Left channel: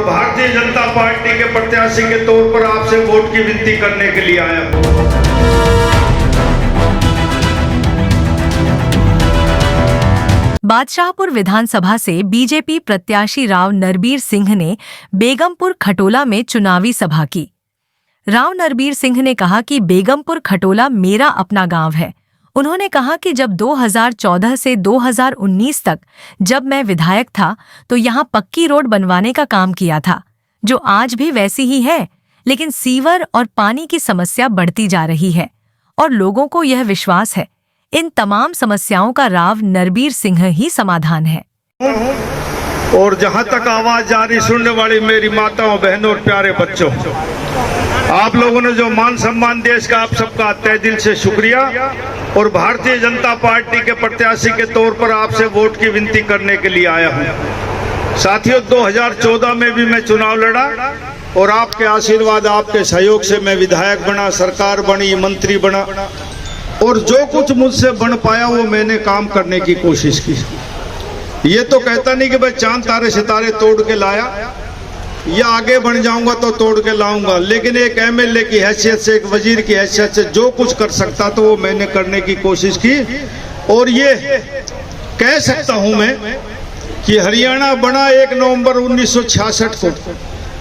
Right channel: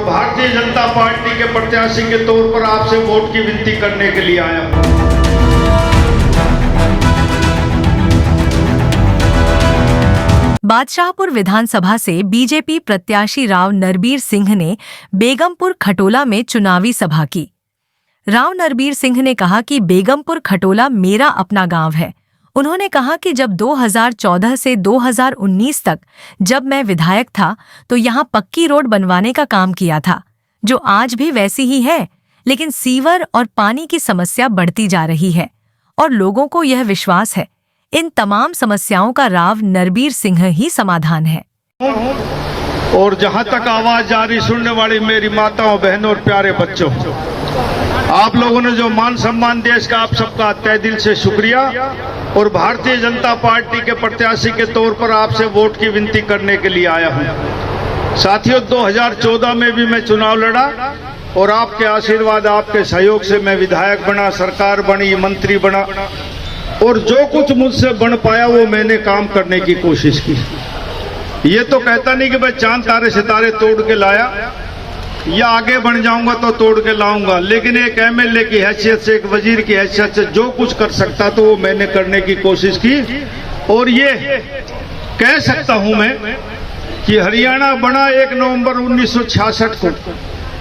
और भारतीय जनता पार्टी के प्रत्याशी के तौर पर आपसे वोट की विनती करने के लिए आया हूं। बादशाहपुर विधानसभा से बीजेपी प्रत्याशी राव नरबीर सिंह ने बेगमपुर खटोला में चुनावी सभा की। राव नरबीर सिंह ने कहा कि बेगमपुर खटोला मेरा अपना गांव है। उन्होंने कहा कि जब 2014 से 2019 तक जब मैं विधायक था तो यहां पक्की रोड बनवाने का काम किया था, जो आज भी वैसी ही है, लेकिन सीवर और पानी की समस्या बढ़ती जा रही है और लोगों को यह विश्वास है इन तमाम समस्याओं का राव नरबीर सिंह ही समाधान है। और जहां तक आवाज जारी सुनने वाली मेरी माताओं, बहनों और प्यारे बच्चों, आप लोगों ने जो मान सम्मान देश का, आप सबका तहे दिल से शुक्रिया। और भारतीय जनता पार्टी के प्रत्याशी के तौर पर आपसे वोट की विनती करने के लिए आया हूं। साथियों, 2014 में भी मैं चुनाव लड़ा और आपके आशीर्वाद, आपके सहयोग से मैं विधायक बना, सरकार बनी, मंत्री बना और जो कुछ मुझसे बन पाया वो मैंने काम करने की कोशिश की। ये तो कहता नहीं कि भाई चांद तारे सितारे तोड़ के लाया या आगे बढ़ जाऊंगा तो तोड़ के लाऊंगा, लेकिन एक एमएलए की हैसियत से, एक वजीर की हैसियत से जो कुछ कर सकता तो वो मैंने करने की कोशिश की। और ये कह सकता हूं मैं कि हरियाणा बना 1 नवंबर 1966 को,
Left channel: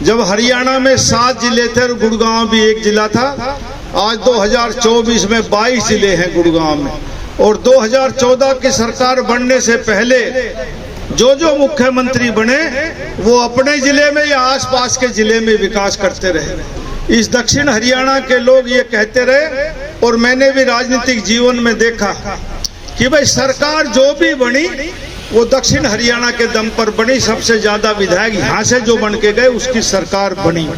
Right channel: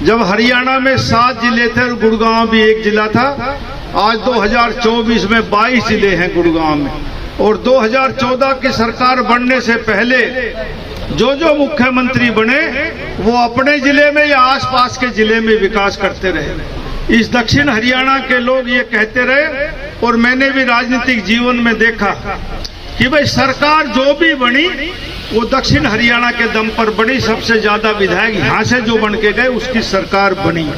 जब हरियाणा में 7 जिले थे और गुड़गांव भी एक जिला था। आज 2024 में 22 जिले हैं गुड़गांव में। और 2014 की सरकार बनने से पहले जो मुख्यमंत्री बने वो अपने जिले में या आसपास के जिले में विकास करते रहे। इस दक्षिण हरियाणा के लोग ये कहते रहे और मैंने भी राजनीतिक जीवन में देखा कि भाई सरकार जो भी बनी वो दक्षिण हरियाणा के दम पर बनी। सबसे ज्यादा विधायक यहाँ से जो बन के गए उसकी सरकार बनी।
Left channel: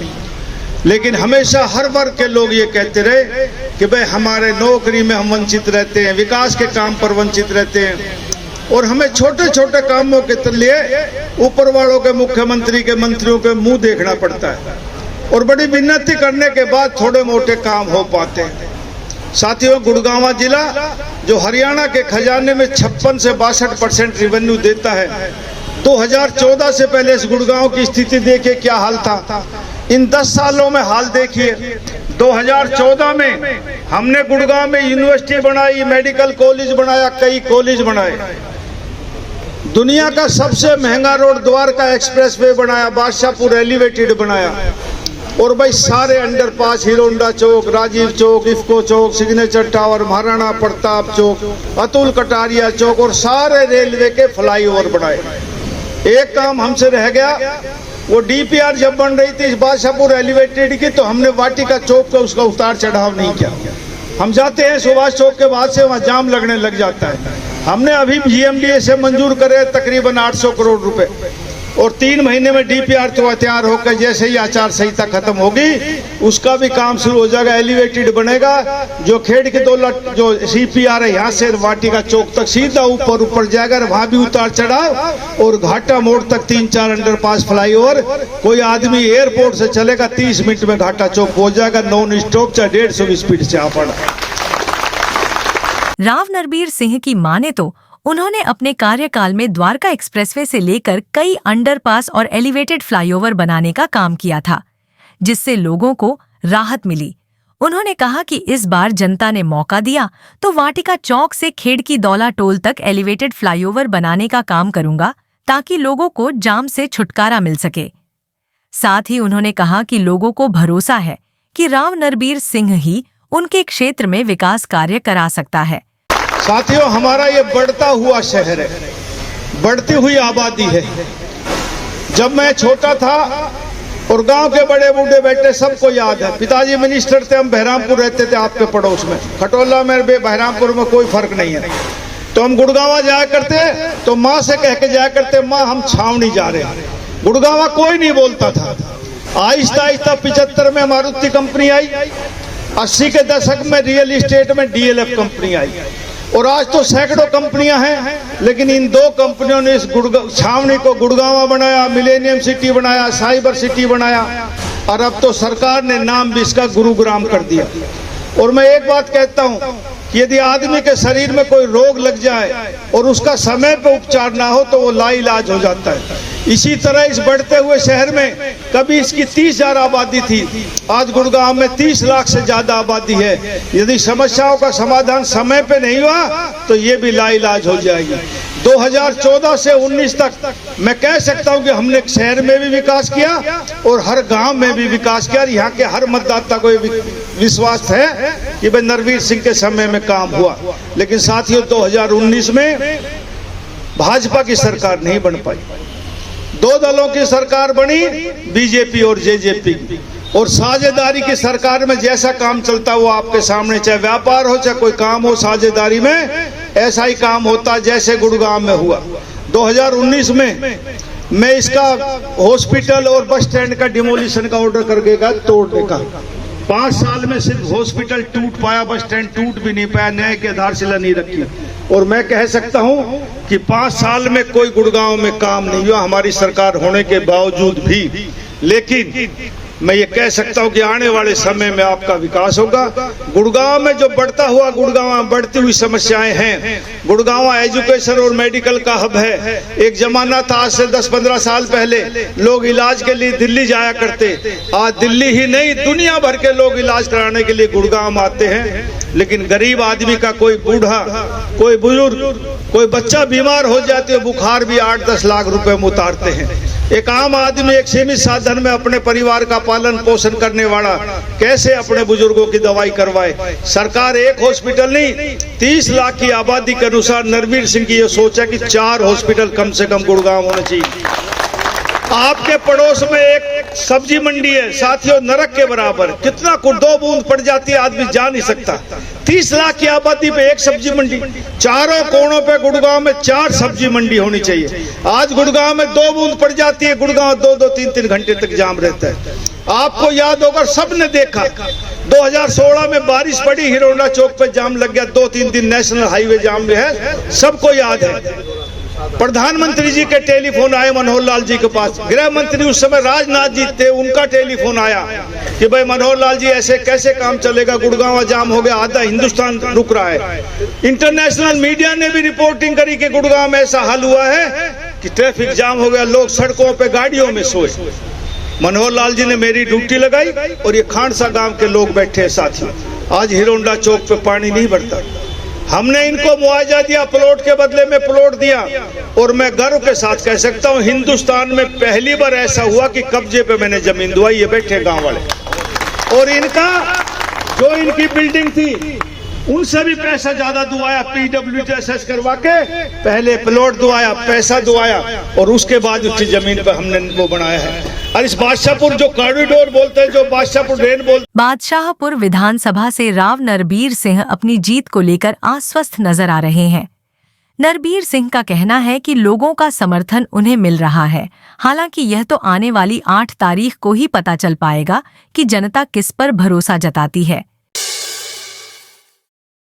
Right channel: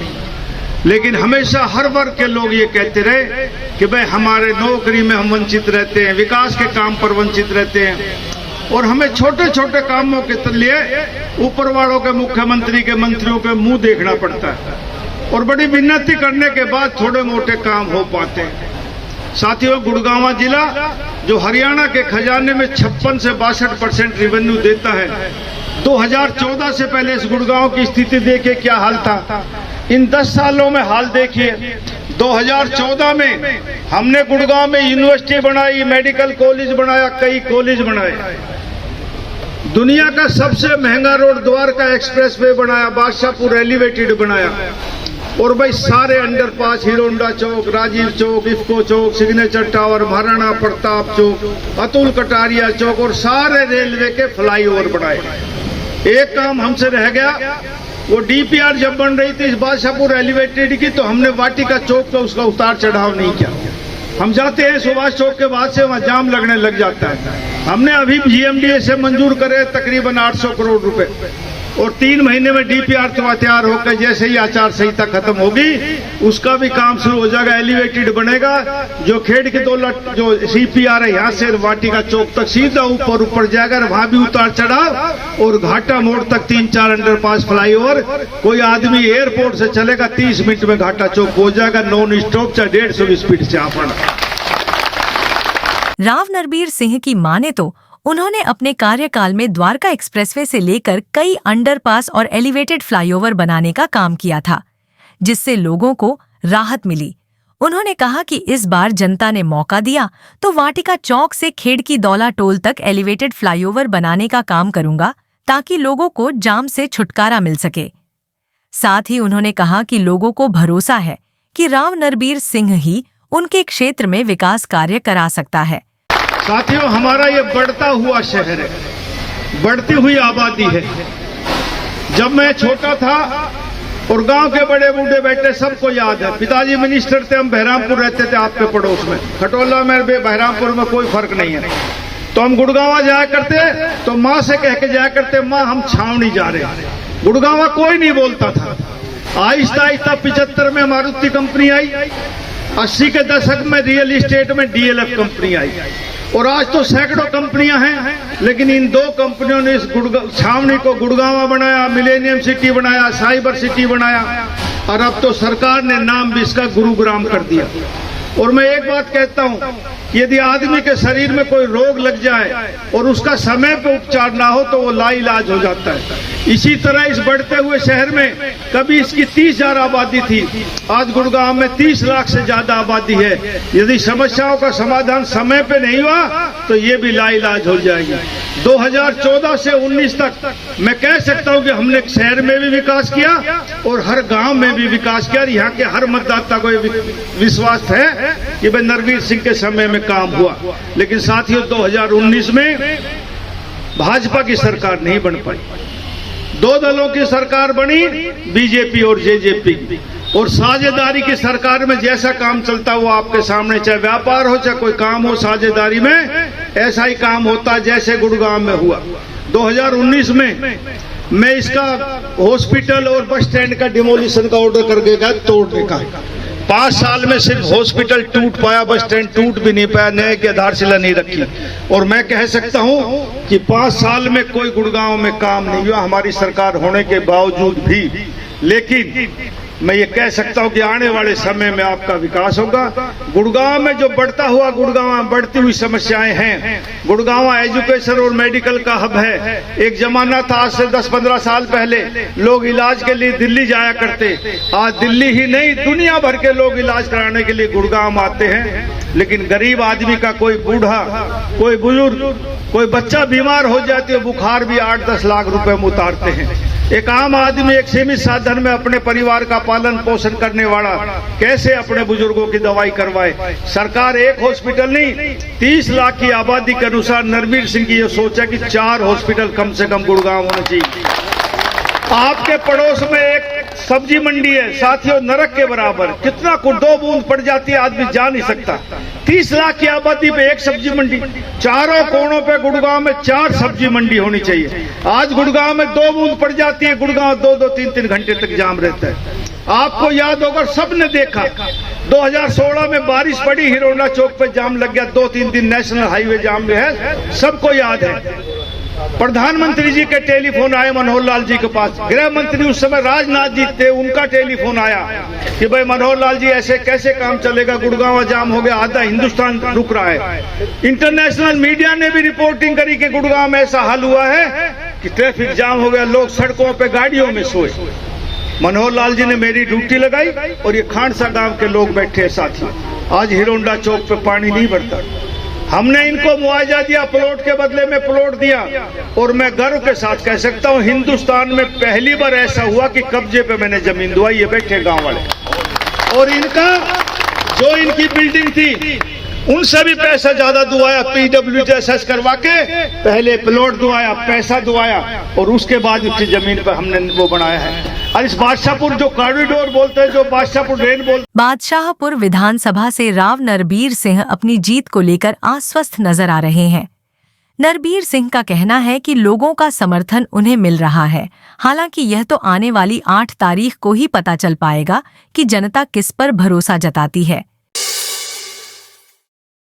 लेकिन हमेशा हर वर्ग के लोग ये कहते रहे कि भाई हमारे नौकरी में हम वंचित रहते हैं, विकास के काम पर वंचित रहते हैं और हमें छोटे छोटे कामों के लिए ऊपर वालों के, मुख्यमंत्री के, मंत्रियों के मुंह देखना पड़ता है और बड़ी विनती करने के बाद थोड़े मोटे काम हो पाते हैं। साथियों, गुड़गांव जिला जो हरियाणा के खजाने में 56 से 62% रेवेन्यू देता है, 2014 से पहले इस गुड़गांव की स्थिति देखिए क्या हाल था। इन 10 सालों में हाल देखिए। 2014 में हमने गुड़गांव में यूनिवर्सिटी बनाई, मेडिकल कॉलेज बनाया, कई कॉलेज बनाए। दुनिया का सबसे महंगा रोड द्वारका एक्सप्रेसवे बनाया, बादशाहपुर एलिवेटेड बनाया और भाई सारे अंडरपास, हीरो होंडा चौक, राजीव चौक, इफ्को चौक, सिग्नेचर टावर, महाराणा प्रताप चौक, अतुल कटारिया चौक और सारे रेलवे के फ्लाईओवर बनाए। एक काम हमसे रह गया, वो डीपीआर जब बन रही थी इस बादशाहपुर एलिवेटेड की तो हमने वाटिका चौक को उसका उतार चढ़ाव नहीं किया। हम जाते हैं सुभाष चौक के बाद से वहाँ जाम लगने लग जाता है। हमने अभी जीएमडीए से मंजूर करे तकरीबन 800 करोड़ रुपए और 3 महीने में डीपीआर तो तैयार होकर जैसे ही आचार संहिता खत्म होगी उसका भी काम शुरू हो जाएगा, एलिवेटेड बनेगा। जो खेड़ की दौलत जो सीपीआर है यहाँ से वाटिका चौक तक सीधा ऊपर जाएगा, वहां भी उतार चढ़ाव और घाटा मोड़ तक 3-4 अंडरपास, फ्लाईओवर। कोई आदमी एयरपोर्ट से चलेगा 30 मिनट में घाटा चौक पहुंच जाएगा, नॉन स्टॉप, चाहे 150 स्पीड से आप। राव नरबीर सिंह की माने तो उन्होंने अपने कार्यकाल में द्वारका एक्सप्रेसवे से लेकर कई अंडरपास और एलिवेटेड फ्लाईओवर बनाने का काम किया था, जिससे लोगों को राहत मिली। उन्होंने कहा कि इस बार जनता ने मौका दिया तो वाटिका चौक से खेड़की दौला टोल तक एलिवेटेड फ्लाईओवर बनाने का काम करूंगा ताकि लोगों को जाम से छुटकारा मिल सके। साथ ही उन्होंने कहा कि लोगों को भरोसा है कि राव नरबीर सिंह ही उनके क्षेत्र में विकास कार्य करा सकता है। साथियों, हमारा ये बढ़ता हुआ शहर है, बढ़ती हुई आबादी है। जब मैं छोटा था और गांव के बड़े बूढ़े बैठे सबको याद है, पिताजी मिनिस्टर थे, हम बहरामपुर रहते थे आपके पड़ोस में, खटोला में बहरामपुर में कोई फर्क नहीं है। तो हम गुड़गांव जाया करते तो माँ से कह के जाया करते, माँ हम छावनी जा रहे हैं। गुड़गांव कोई नहीं बोलता था। आहिस्ता आहिस्ता 75 में मारुति कंपनी आई, 80 के दशक में रियल एस्टेट में डीएलएफ कंपनी आई और आज तो सैकड़ों कंपनियां हैं। लेकिन इन 2 कंपनियों ने इस छावनी को गुड़गांव बनाया, मिलेनियम सिटी बनाया, साइबर सिटी बनाया और अब तो सरकार ने नाम भी इसका गुरुग्राम कर दिया। और मैं एक बात कहता हूं, यदि आदमी के शरीर में कोई रोग लग जाए और उसका समय पर उपचार ना हो तो वो लाइलाज हो जाता है। इसी तरह इस बढ़ते हुए शहर में कभी इसकी 30,000 आबादी थी, आज गुड़गांव में 30 लाख से ज्यादा आबादी है। यदि समस्याओं का समाधान समय पे नहीं हुआ तो ये भी लाइलाज हो जाएगी। 2014 से 19 तक मैं कह सकता हूँ कि हमने शहर में भी विकास किया और हर गांव में भी विकास किया। यहाँ के हर मतदाता को विश्वास है कि भाई नरवीर सिंह के समय में काम हुआ। लेकिन साथियों, 2019 में भाजपा की सरकार नहीं बन पाई। दो दलों की सरकार बनी, बीजेपी और जेजेपी की, और साझेदारी की सरकार में जैसा काम चलता हुआ आपके सामने, चाहे व्यापार हो चाहे कोई काम हो, साझेदारी में ऐसा ही काम होता जैसे गुड़गांव में हुआ। 2019 में मैं इसका हॉस्पिटल और बस स्टैंड का डिमोलिशन का ऑर्डर करके गया, तोड़ने का। 5 साल में सिर्फ हॉस्पिटल टूट पाया, बस स्टैंड टूट भी नहीं पाया, नए की आधारशिला नहीं रखी। और मैं कह सकता हूं कि 5 साल में कोई गुड़गांव में काम नहीं हुआ हमारी सरकार होने के बावजूद भी। लेकिन मैं ये कह सकता हूं कि आने वाले समय में आपका विकास होगा। गुड़गांव में जो बढ़ता हुआ, गुड़गांव में बढ़ती हुई समस्याएं हैं। गुड़गांव एजुकेशन और मेडिकल का हब है। एक जमाना था, आज से 10-15 साल पहले लोग इलाज के लिए दिल्ली जाया करते। आज दिल्ली ही नहीं, दुनिया भर के लोग इलाज कराने के लिए गुड़गांव आते हैं। लेकिन गरीब आदमी का कोई बूढ़ा, कोई बुजुर्ग, कोई बच्चा बीमार हो जाते, बुखार भी 8-10 लाख रुपए में उतारते हैं। एक आम आदमी एक सीमित साधन में अपने परिवार का पालन पोषण करने वाला कैसे अपने बुजुर्गों की दवाई करवाए। सरकार एक हॉस्पिटल नहीं, 30 लाख की आबादी के अनुसार नरवीर सिंह की यह सोच है कि 4 हॉस्पिटल कम से कम गुड़गांव होने चाहिए। आपके पड़ोस में एक सब्जी मंडी है साथियों, नरक के बराबर। कितना को 2 बूंद पड़ जाती है आदमी जा नहीं सकता। 30 लाख की आबादी पे एक सब्जी मंडी, चारों कोनों पे गुड़गांव में 4 सब्जी मंडी होनी चाहिए। आज गुड़गांव में 2 बूंद पड़ जाती है, गुड़गांव 2-2, 3-3 घंटे तक जाम रहता है। आपको याद होगा, सबने देखा 2016 में बारिश पड़ी, हिरोला चौक पे जाम लग गया, 2-3 दिन नेशनल हाईवे जाम है, सबको याद है। प्रधानमंत्री जी के टेलीफोन आए मनोहर लाल जी के पास, गृह मंत्री उस समय राजनाथ जी थे, उनका टेलीफोन आया कि भाई मनोहर लाल जी ऐसे कैसे काम चलेगा, गुड़गांव जाम हो गया, आधा हिंदुस्तान रुक रहा है। इंटरनेशनल मीडिया ने भी रिपोर्टिंग करी कि गुड़गांव में ऐसा हाल हुआ है कि ट्रैफिक जाम हो गया, लोग सड़कों पे गाड़ियों में सोए। मनोहर लाल जी ने मेरी ड्यूटी लगाई और ये खानसा गांव के लोग बैठे हैं साथियों। आज हिरोंडा चौक पे पानी नहीं भरता। हमने इनको मुआवजा दिया, प्लॉट के बदले में प्लॉट दिया। और मैं गर्व के साथ कह सकता हूं, हिंदुस्तान में पहली बार ऐसा हुआ कि कब्जे पे मैंने जमीन दुआई। ये बैठे गांव वाले, और इनका जो इनकी बिल्डिंग थी उनसे भी पैसा ज्यादा दुआया, PWD करवा के पहले प्लॉट दुआया, पैसा दुआया, और उसके बाद उसकी जमीन पर हमने वो बनाया है। और इस बादशाहपुर जो कॉरिडोर बोलते हैं, जो बादशाहपुर रेल बोलते, बादशाहपुर विधानसभा से राव नरबीर सिंह अपनी जीत को लेकर आश्वस्त नजर आ रहे हैं। नरबीर सिंह का कहना है कि लोगों का समर्थन उन्हें मिल रहा है। हालांकि यह तो आने वाली 8 तारीख को ही पता चल पाएगा कि जनता किस पर भरोसा जताती है।